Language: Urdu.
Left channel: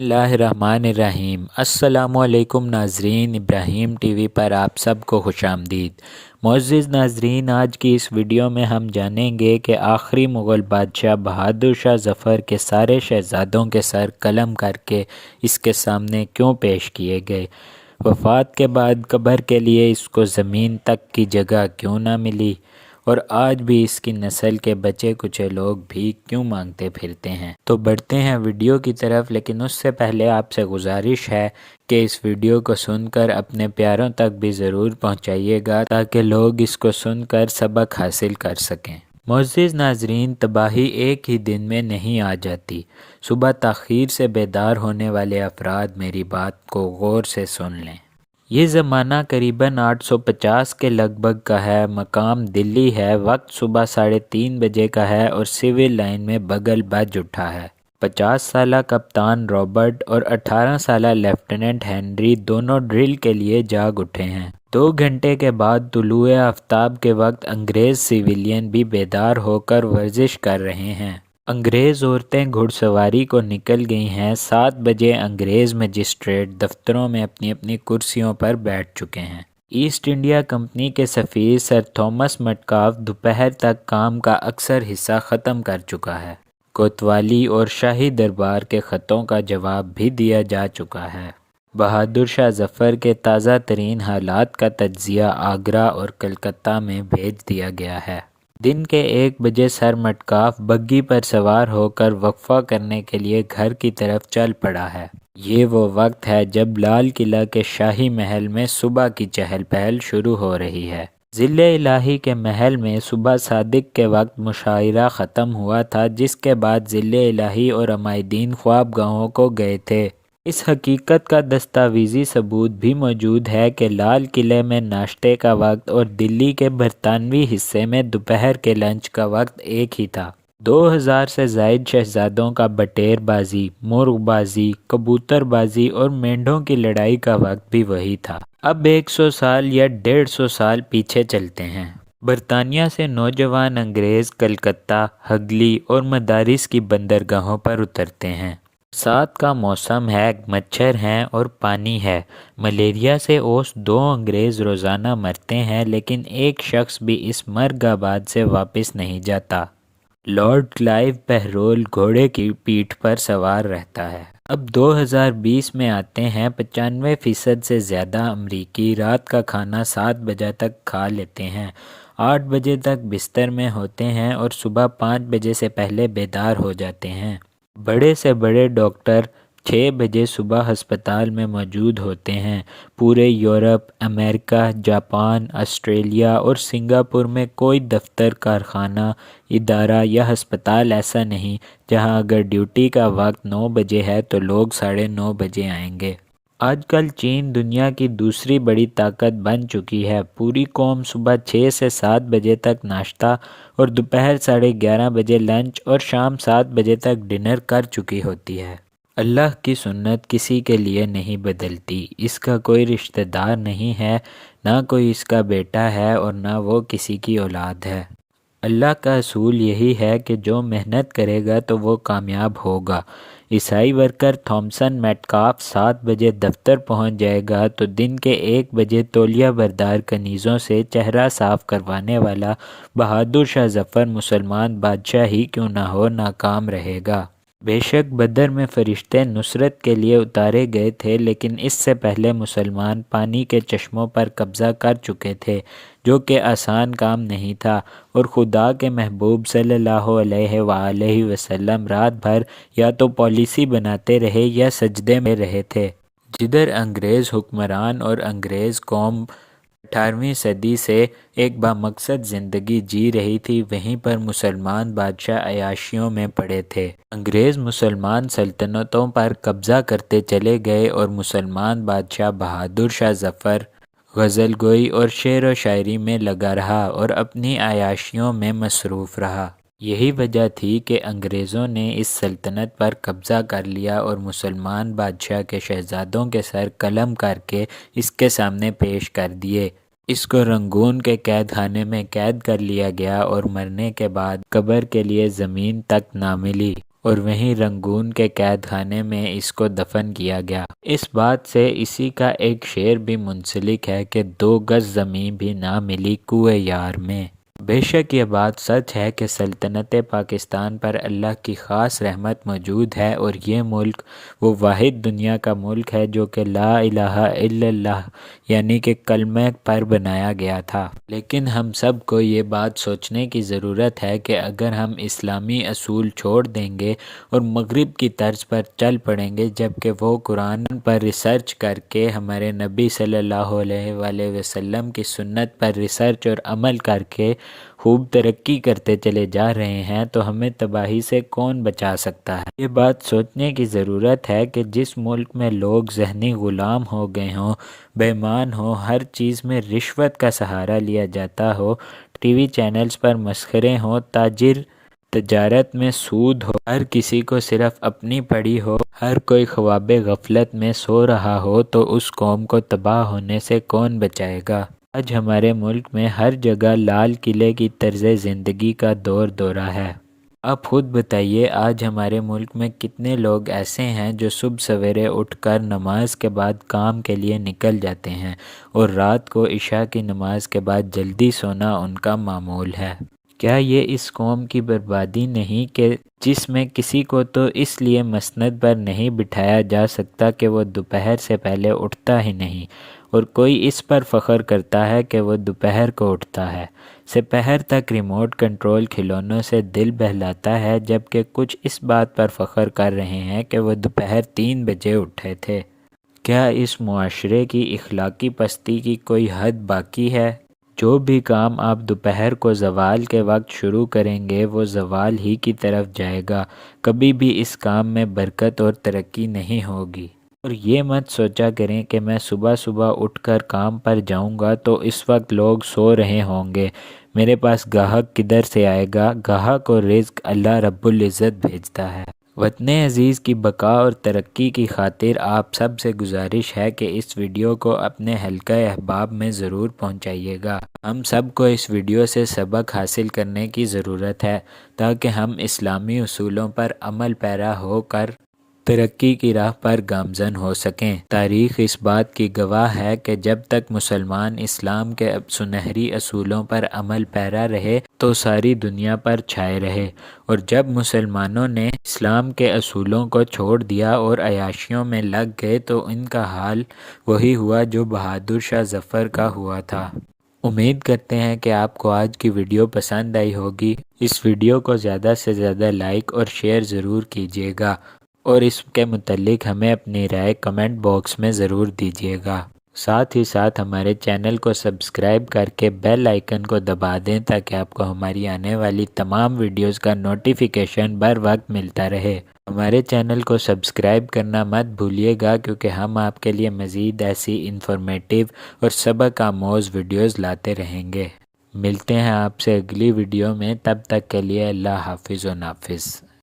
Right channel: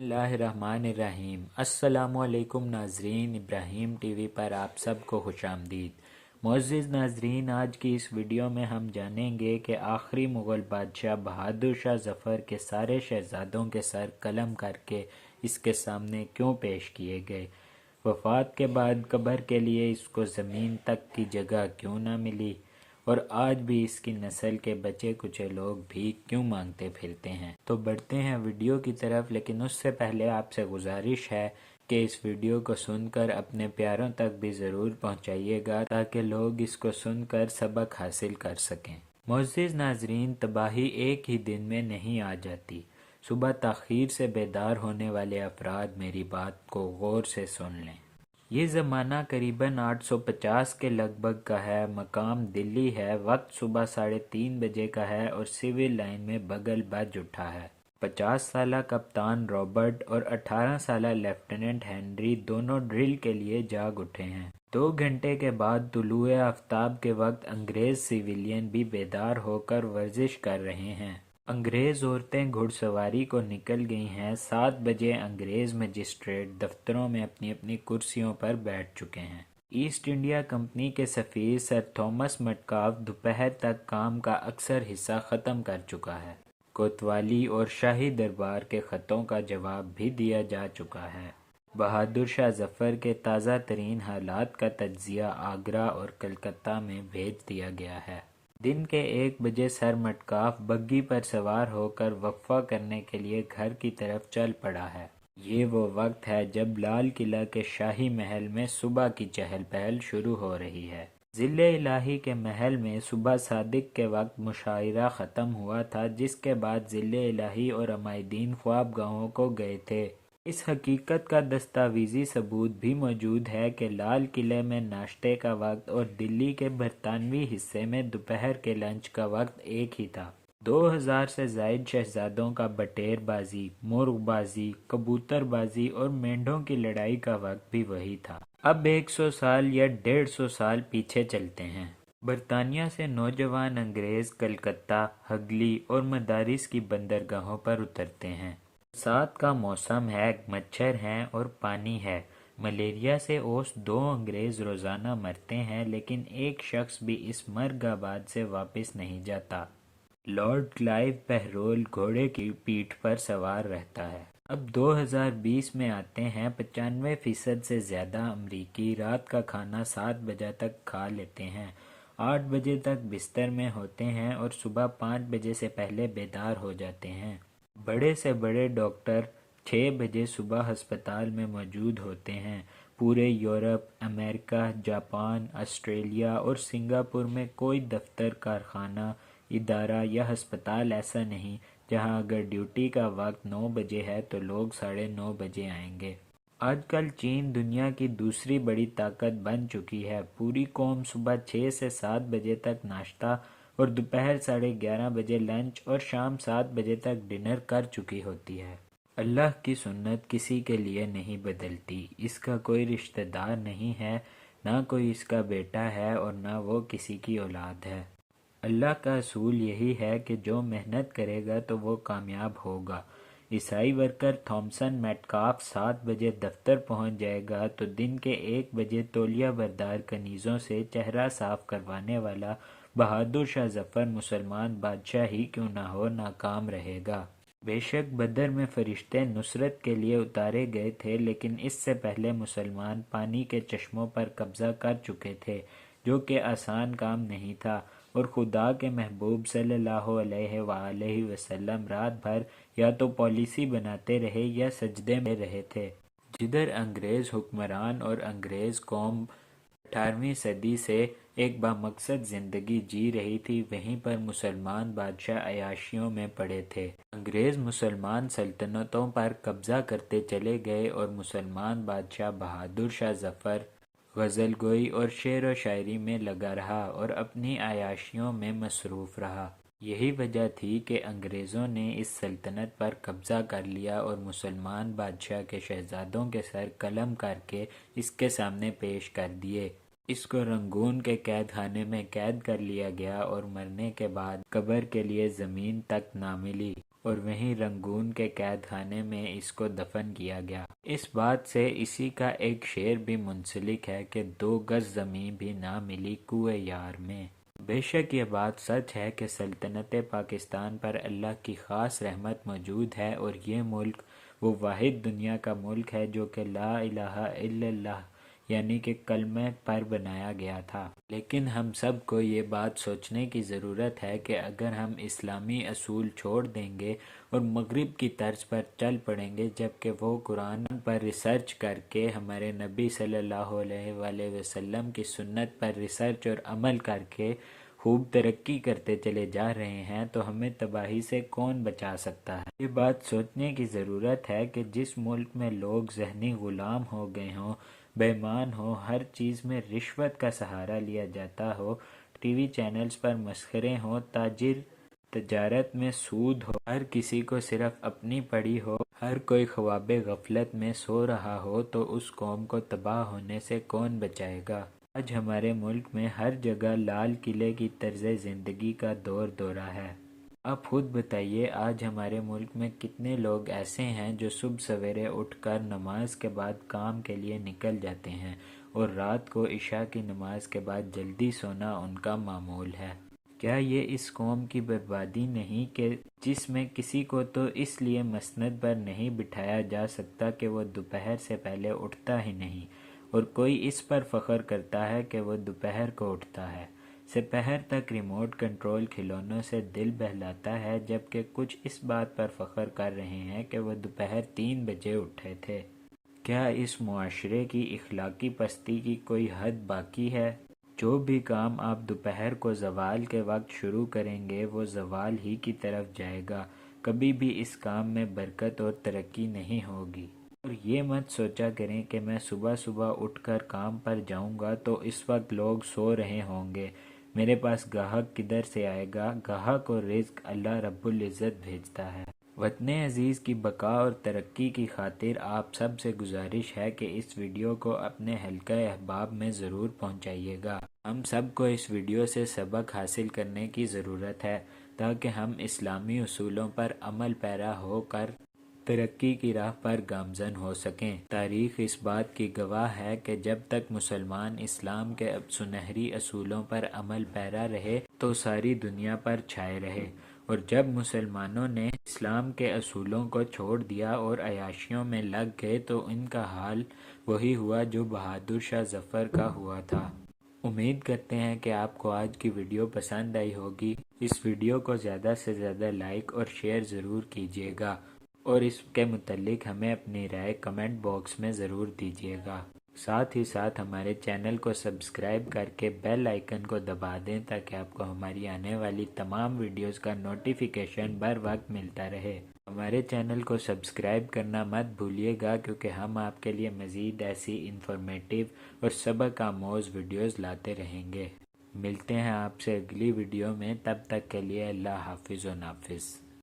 اللہ الرحمن الرحیم۔ السلام علیکم ناظرین، ابراہیم ٹی وی پر آپ سب کو خوش آمدید۔ معزز ناظرین، آج کی اس ویڈیو میں ہم جانیں گے کہ آخری مغل بادشاہ بہادر شاہ ظفر کے سارے شہزادوں کے سر قلم کر کے اس کے سامنے کیوں پیش کیے گئے، وفات کے بعد قبر کے لیے اس کو زمین تک کی جگہ کیوں نہ ملی، اور آج بھی اس کی نسل کے بچے کچے لوگ بھی کیوں مانگتے پھرتے ہیں۔ تو بڑھتے ہیں ویڈیو کی طرف، لیکن اس سے پہلے آپ سے گزارش ہے کہ اس ویڈیو کو سن کر اپنے پیاروں تک بھی ضرور پہنچائیے گا تاکہ لوگ اس کو سن کر سبق حاصل کر سکیں۔ معزز ناظرین، تباہی ایک ہی دن میں نہیں آ جاتی۔ صبح تاخیر سے بیدار ہونے والے افراد میری بات کو غور سے سن لیں۔ یہ زمانہ قریباً 850 کے لگ بھگ کا ہے، مقام دلی ہے، وقت صبح 3:30 بجے کا ہے اور سول لائن میں بگل بج اٹھا ہے۔ 50 سالہ کپتان رابرٹ اور 18 سالہ لیفٹیننٹ ہنری دونوں ڈرل کے لیے جاگ اٹھے ہیں۔ 2 گھنٹے کے بعد طلوع آفتاب کے وقت انگریز سویلین بھی بیدار ہو کر ورزش کر رہے ہیں۔ انگریز عورتیں گھڑ سواری کو نکل گئی ہیں۔ 7 بجے انگریز مجسٹریٹ دفتروں میں اپنی اپنی کرسیوں پر بیٹھ چکے ہیں۔ ایسٹ انڈیا کمپنی کے سفیر سر تھامس مٹکاف دوپہر تک کام کا اکثر حصہ ختم کر چکا ہے۔ کوتوالی اور شاہی دربار کے خطوں کا جواب بھی دیا جا چکا ہے۔ بہادر شاہ ظفر کے تازہ ترین حالات کا تجزیہ آگرہ اور کلکتہ میں بھیج دیا گیا ہے۔ دن کے 1 بجے سر مٹکاف بگی پر سوار ہو کر وقفہ کرنے کے لیے گھر کی طرف چل پڑا ہے۔ یہ وہ وقت ہے جب لال قلعہ کے شاہی محل میں صبح کی چہل پہل شروع ہو رہی ہے۔ ضلع الہی کے محل میں صبح صادق کے وقت مشاعرہ ختم ہوا تھا، جس کے بعد ضلع الہی اور عمائدین خواب گاہوں کو گئے تھے۔ اس حقیقت کا دستاویزی ثبوت بھی موجود ہے کہ لال قلعے میں ناشتے کا وقت اور دلی کے برطانوی حصے میں دوپہر کے لنچ کا وقت ایک ہی تھا۔ 2000 سے زائد شہزادوں کا بٹیر بازی، مرغ بازی، کبوتر بازی اور مینڈھوں کی لڑائی کا وقت بھی وہی تھا۔ اب 100 سال یا 150 سال پیچھے چلتے ہیں۔ برطانیہ سے نوجوان انگریز کلکتہ، ہگلی اور مدارس کی بندرگاہوں پر اترتے ہیں۔ برسات کا موسم ہے، مچھر ہیں اور پانی ہے۔ ملیریا سے اوس 2 انگریز روزانہ مرتے ہیں، لیکن ایک شخص بھی اس مرگ آباد سے واپس نہیں جاتا۔ لارڈ کلائیو بہرول گھوڑے کی پیٹھ پر سوار رہتا ہے۔ اب 2020 میں آتے ہیں۔ 95% سے زیادہ امریکی رات کا کھانا 7 بجے تک کھا لیتے ہیں، 8 بجے تک بستر میں ہوتے ہیں اور صبح 5 بجے سے پہلے بیدار ہو جاتے ہیں۔ بڑے سے بڑے ڈاکٹر 6 بجے صبح ہسپتال میں موجود ہوتے ہیں۔ پورے یورپ، امریکہ، جاپان، آسٹریلیا اور سنگاپور میں کوئی دفتر، کارخانہ، ادارہ یا ہسپتال ایسا نہیں جہاں اگر ڈیوٹی کا وقت 9 بجے ہے تو لوگ 9:30 بجے آئیں گے۔ آج کل چین دنیا کی دوسری بڑی طاقت بن چکی ہے۔ پوری قوم صبح 6 سے 7 بجے تک ناشتہ اور دوپہر 11:30 بجے لنچ اور شام 7 بجے تک ڈنر کر چکی ہوتی ہے۔ اللہ کی سنت کسی کے لیے نہیں بدلتی۔ اس کا کوئی رشتہ دار نہیں ہے، نہ کوئی اس کا بیٹا ہے اور نہ وہ کسی کی اولاد ہے۔ اللہ کا اصول یہی ہے کہ جو محنت کرے گا تو وہ کامیاب ہوگا۔ عیسائی ورکر تھامسن میٹکاف 7 بجے دفتر پہنچ جائے گا تو دن کے 1 بجے تولیہ بردار کنیزوں سے چہرہ صاف کروانے والا بہادر شاہ ظفر مسلمان بادشاہ ہی کیوں نہ ہو ناکام رہے گا۔ بے شک بدر میں فرشتے نصرت کے لیے اتارے گئے تھے، لیکن اس سے پہلے مسلمان پانی کے چشموں پر قبضہ کر چکے تھے، جو کہ آسان کام نہیں تھا، اور خدا کے محبوب صلی اللہ علیہ وآلہ وسلم رات بھر یا تو پالیسی بناتے رہے یا سجدے میں رہے تھے۔ جدھر انگریز حکمران اور انگریز قوم 18ویں صدی سے ایک بامقصد زندگی جی رہی تھی، وہیں پر مسلمان بادشاہ عیاشیوں میں پڑے تھے۔ انگریز مسلمان سلطنتوں پر قبضہ کرتے چلے گئے اور مسلمان بادشاہ بہادر شاہ ظفر غزل گوئی اور شعر و شاعری میں لگا رہا اور اپنی عیاشیوں میں مصروف رہا۔ یہی وجہ تھی کہ انگریزوں نے اس سلطنت پر قبضہ کر لیا اور مسلمان بادشاہ کے شہزادوں کے سر قلم کر کے اس کے سامنے پیش کر دیے۔ اس کو رنگون کے قید خانے میں قید کر لیا گیا اور مرنے کے بعد قبر کے لیے زمین تک نہ ملی۔ اور وہیں رنگون کے قید خانے میں اس کو دفن کیا گیا۔ اس بات سے اسی کا ایک شعر بھی منسلک ہے کہ 2 گز زمین بھی نہ ملی کوہ یار میں۔ بے شک یہ بات سچ ہے کہ سلطنت پاکستان پر اللہ کی خاص رحمت موجود ہے، اور یہ ملک وہ واحد دنیا کا ملک ہے جو کہ لا الہ الا اللہ یعنی کہ کلمہ پر بنایا گیا تھا۔ لیکن ہم سب کو یہ بات سوچنے کی ضرورت ہے کہ اگر ہم اسلامی اصول چھوڑ دیں گے اور مغرب کی طرز پر چل پڑیں گے، جبکہ وہ قرآن پر ریسرچ کر کے ہمارے نبی صلی اللہ علیہ وآلہ وسلم کی سنت پر ریسرچ اور عمل کر کے خوب ترقی کرتے چلے جا رہے ہیں، تو ہمیں تباہی سے کون بچا سکتا ہے؟ یہ بات سوچنے کی ضرورت ہے کہ جس ملک میں لوگ ذہنی غلام ہو گئے ہوں، بے ایمان ہوں، ہر چیز میں رشوت کا سہارا لیا جاتا ہو، ٹی وی چینلز پر مسخرے ہوں، تجارت میں سود ہو، ہر کسی کو صرف اپنی پڑی ہو، ہر کوئی خواب غفلت میں سو رہا ہو، تو اس قوم کو تباہ ہونے سے کون بچائے گا؟ آج ہمارے ملک میں ہر جگہ لال قلعے کی طرز زندگی کا دور دورہ ہے۔ آپ خود بتائیے، آج ہمارے ملک میں کتنے لوگ ایسے ہیں جو صبح سویرے اٹھ کر نماز کے بعد کام کے لیے نکل جاتے ہیں، اور رات کو عشاء کی نماز کے بعد جلدی سونا ان کا معمول ہے؟ کیا یہ اس قوم کی بربادی نہیں کہ جس میں کسی کو تو اس لیے مسند پر نہیں بٹھایا جا سکتا کہ وہ دوپہر سے پہلے اٹھتا ہی نہیں، اور کوئی اس پر فخر کرتا ہے کہ وہ دوپہر کو اٹھتا ہے، سپہر تک ریموٹ کنٹرول کھلونوں سے دل بہلاتا ہے، جبکہ کچھ اس بات پر فخر کر رہے ہیں کہ وہ دوپہر 3 بجے اٹھے تھے؟ کیا اس معاشرے کی اخلاقی پستی کی کوئی حد باقی ہے؟ جو بھی کام آپ دوپہر کو زوال کے وقت شروع کریں گے وہ زوال ہی کی طرف جائے گا، کبھی بھی اس کام میں برکت اور ترقی نہیں ہوگی۔ اور یہ مت سوچا کریں کہ میں صبح صبح اٹھ کر کام پر جاؤں گا تو اس وقت لوگ سو رہے ہوں گے، میرے پاس گاہک کدھر سے آئے گا؟ گاہک اور رزق اللہ رب العزت بھیجتا ہے۔ وطن عزیز کی بقا اور ترقی کی خاطر آپ سب سے گزارش ہے کہ اس ویڈیو کو اپنے حلقہ احباب میں ضرور پہنچائیے گا۔ ہم سب کو اس ویڈیو سے سبق حاصل کرنے کی ضرورت ہے تاکہ ہم اسلامی اصولوں پر عمل پیرا ہو کر ترقی کی راہ پر گامزن ہو سکیں۔ تاریخ اس بات کی گواہ ہے کہ جب تک مسلمان اسلام کے سنہری اصولوں پر عمل پیرا رہے تو ساری دنیا پر چھائے رہے، اور جب مسلمانوں نے اسلام کے اصولوں کو چھوڑ دیا اور عیاشیوں میں لگ گئے تو ان کا حال وہی ہوا جو بہادر شاہ ظفر کا ہوا تھا۔ امید کرتے ہیں کہ آپ کو آج کی ویڈیو پسند آئی ہوگی۔ اس ویڈیو کو زیادہ سے زیادہ لائک اور شیئر ضرور کیجیے گا، اور اس کے متعلق ہمیں اپنی رائے کمنٹ باکس میں ضرور دیجیے گا۔ ساتھ ہی ساتھ ہمارے چینل کو سبسکرائب کر کے بیل آئیکن کو دبا دیں تاکہ آپ کو ہماری آنے والی تمام ویڈیوز کا نوٹیفیکیشن بر وقت ملتا رہے۔ ہمارے چینل کو سبسکرائب کرنا مت بھولیے گا، کیونکہ ہم آپ کے لیے مزید ایسی انفارمیٹیو اور سبق آموز ویڈیوز لاتے رہیں گے۔ ملتے ہیں آپ سے اگلی ویڈیو میں، تب تک کے لیے اللہ حافظ و نافذ۔